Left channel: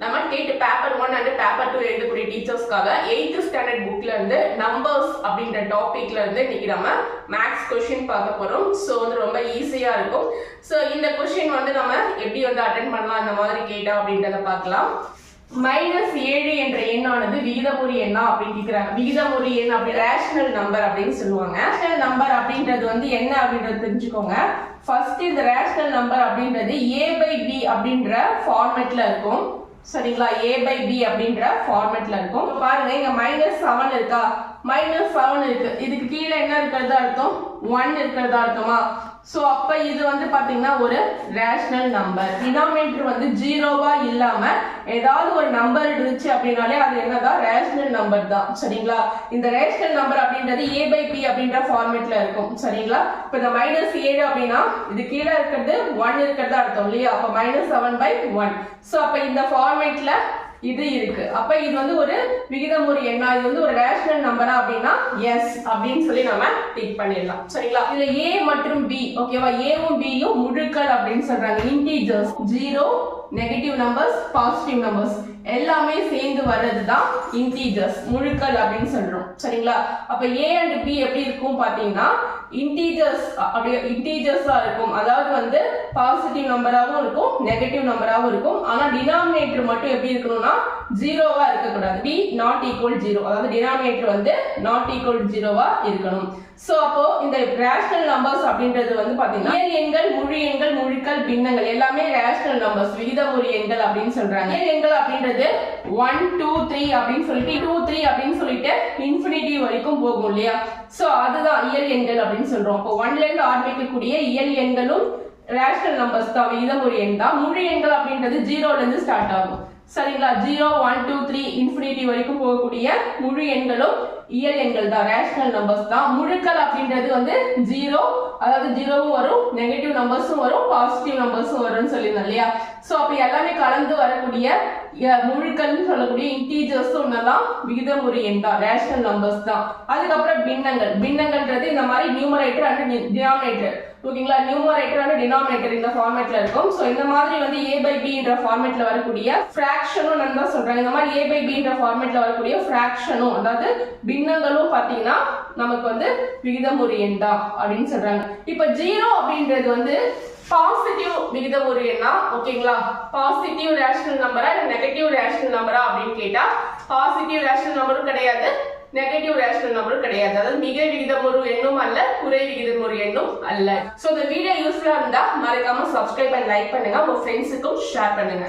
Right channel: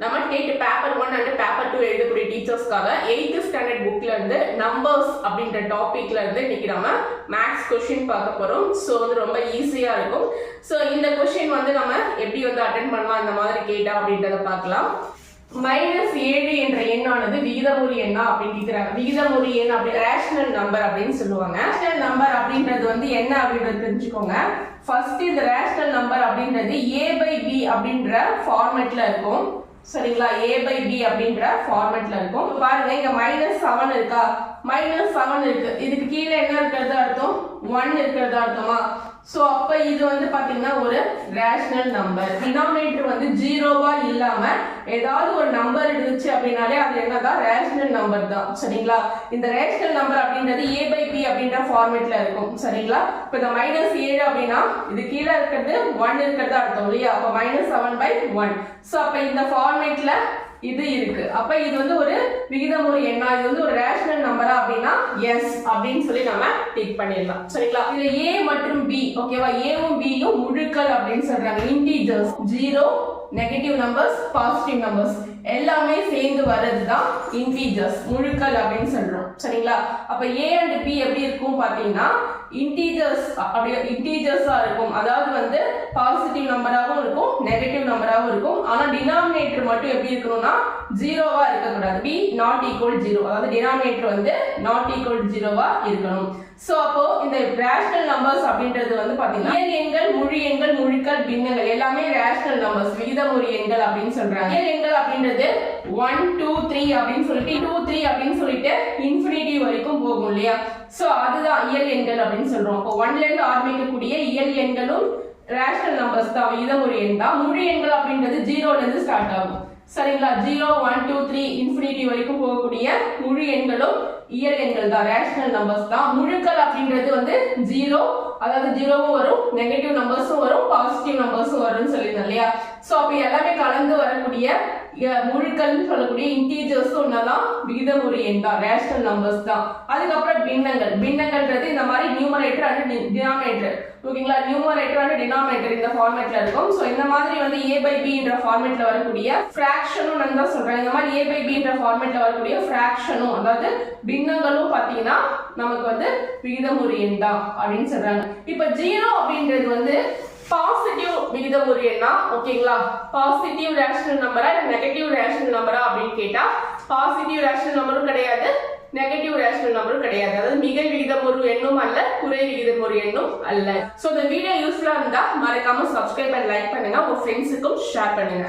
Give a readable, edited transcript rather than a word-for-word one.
நம்ம date paper 1 and paper 2 எழுதக்கூடிய டீச்சர்ஸ்க்காக 8th standard புக்ல இருந்து நம்பர்ஸ் அப்படின்ற டாபிக்ல இருந்து இன்னைக்கு நம்ம மேக்ஸ் கொஸ்டின் பார்க்க போறோம். ஸோ வந்து ரொம்ப ஈஸியா இருக்கும். ஸோ இந்த கொஸ்டின் வந்து நம்ம எப்படி வந்து அட்டென்ட் பண்ணலாம் இந்த மாதிரி கேட்டா அப்படின்றத பார்க்கலாம். -7 என்ற எண்ணானது விகிதமுறு எண்ணா அப்படின்னு கேட்கிறாங்க. விகிதமுறு எண் அப்படி ரேஷனல் நம்பர் அப்படின்னு சொல்லுவாங்க. ரேஷனல் நம்பர் அப்படின்றது வந்து என்ன அப்படின்றது தெரிஞ்சுக்கோங்க. ஃபர்ஸ்ட் இந்த ரேஷனல் நம்பர் அப்படின்றது a/b அப்படின்ற ஃபார்மேட்ல இருக்கும். சரிங்களா? a/b அப்படின்ற ஃபார்மேட்ல இருக்கும். பாருங்க இங்க -7 இருக்கா, -7 இருக்கு. இதுக்கு கீழே என்ன இருக்கிறது அர்த்தம்? 1 இருக்கிறது அர்த்தமா? சோ அப்ப இது வந்து பாத்தீங்கன்னா ஒரு ரேஷனல் நம்பர். டினாமினேட்டர் வந்து ஜீரோவா இல்லாம ஏதாவது ஒரு நம்பர் இருந்துச்சு அப்படின்னாலே அது என்னதான் ரேஷனல் நம்பர் தான். சரிங்களா? இந்த ரேஷனல் நம்பர் அப்படின்றது a/b அப்படின்ற ஃபார்மேட்ல இருக்கும். சரிங்களா? இப்ப இந்த -7 அப்படின்னா இது கீழே இருக்கிறது 1 இருக்கிறது அர்த்தம் இல்லையா? அப்ப -7/1. சோ அப்ப இந்த ஃபார்மேட்ல இது இருக்கு. அப்ப இது வந்து ஒரு விகிதமுறு எண்ணா, இது வந்து ஒரு ரேஷனல் நம்பரா அப்படின்னா எஸ் அப்படின்னு சொல்லி நம்ம டிக் பண்ணிடலாம். சரிங்களா? இதுல a மற்றும் b, ஓகேவா? a-ம் b-யும் முழுக்கள் அப்படின்னு சொல்றாங்க. Integers, 0, negative numbers, positive numbers எல்லாமே சேர்ந்து வர்றதுதான் இன்டிஜர்ஸ், முழுக்கள் அப்படின்னு சொல்றோம். சரிங்களா? அப்ப a and b எப்படி இருக்கும் பாத்தீங்கன்னா இன்டிஜர்ஸ், அப்படியே இன்டிஜர்ஸா இருக்கும். அதாவது வந்து பாசிட்டிவ் நம்பராகவும் இருக்கும், நெகட்டிவ் நம்பராகவும் இருக்கும். ஆனா டினாமினேட்டர் மட்டும் எப்படி இருக்கணும்னா ஜீரோவா இருக்கக்கூடாது. b not equal 0, அதாவது டினாமினேட்டர் வந்து not equal 0வா இருக்கணும். சோ அப்போ இந்த ரேஷனல் நம்பர்ஸ் அப்படின்றது வந்து பாத்தீங்கன்னா இயல் எண்கள், முழு எண்கள், முழுக்கள், பின்னங்கள் எல்லாமே ரேஷனல் நம்பர்ஸ், விகிதமுறு எண்கள் அப்படின்னு சொல்றாங்க. இயல் எண்கள் அப்படின்றது 1 2 3 அப்படின்னு சொல்லிட்டு 2 3 அப்படின்னு சொல்லிட்டு இன்ஃபினிட்டி வரைக்கும் போகும் இல்லையா? சோ அதுதான் இயல் எண்கள் அப்படின்னு சொல்றோம். அப்போ 1ல இருந்து ஆரம்பிக்கக்கூடிய இயல் எண்களும் ரேஷனல் நம்பர்ஸ் தான், விகிதமுறு எண் தான். முழு எண்கள் அப்படின்றது 0ல இருந்து ஸ்டார்ட் ஆகும். சரிங்களா? 0 1 2 3 இன்ஃபினிட்டி வரைக்கும் போகக்கூடிய முழு எண்களும் இயல் எண்கள் தான், ரேஷனல் நம்பர்ஸ் தான். முழுக்கள் அப்படின்றது வந்து 0, அதாவது 0வும் வரும், நெகட்டிவ் நம்பர்ஸும் வரும், பாசிட்டிவ் நம்பர்ஸும் வரும்னு சொல்லியிருந்தோம் இல்லையா? சோ அப்ப எல்லாமே கலந்து வரக்கூடிய முழுக்கள்னு சொல்லக்கூடிய இன்டீஜர்ஸ் ஒன்னதான் விகிதமுறு எண் தான், ரேஷனல் நம்பர்ஸ் தான். அதுக்கப்புறம் பின்னங்கள். பின்னங்கள்ன்றது இந்த மாதிரி நியூமரேட்டர் அண்ட் டினாமினேட்டர், ஓகேங்களா? நியூமரேட்டர் அண்ட் டினாமினேட்டர் இந்த ஃபார்மேட்ல இருக்கும். சோ இந்த மாதிரி வந்து a/b என்ற ஃபார்மேட்ல வரக்கூடிய ஃபிராக்ஷனும் நான் தான் சொல்றேன். இந்த மாதிரி a/b என்ற ஃபார்மேட்ல வரக்கூடிய ஃபிராக்ஷனும், அதாவது பின்னங்களும் பாத்தீங்கன்னா நமக்கு வந்து விகிதமுறு எண் தான் அப்படின்னு சொல்றாங்க. இப்ப 0 அப்படின்றது வந்து பாசிட்டிவ் விகிதமுறு எண்ணா, ஓகேங்களா? பாசிட்டிவ் ரேஷனல் நம்பரா இல்ல நெகட்டிவ் ரேஷனல் நம்பரா அப்படின்னு கேட்டா பாசிட்டிவ் ரேஷனல் நம்பரும் கிடையாது, நெகட்டிவ் ரேஷனல் நம்பரும் கிடையாது. அதாவது மிக விகிதமுறு எண்ணும் அல்ல, குறை விகிதமுறு எண்ணும் அல்ல. சோ இந்த வீடியோ யூஸ்ஃபுல்லா இருந்தா மறக்காம சப்ஸ்கிரைப் அண்ட் லைக் பண்ணுங்க, உங்க ஃப்ரெண்ட்ஸுக்கும் ஷேர் பண்ணுங்க.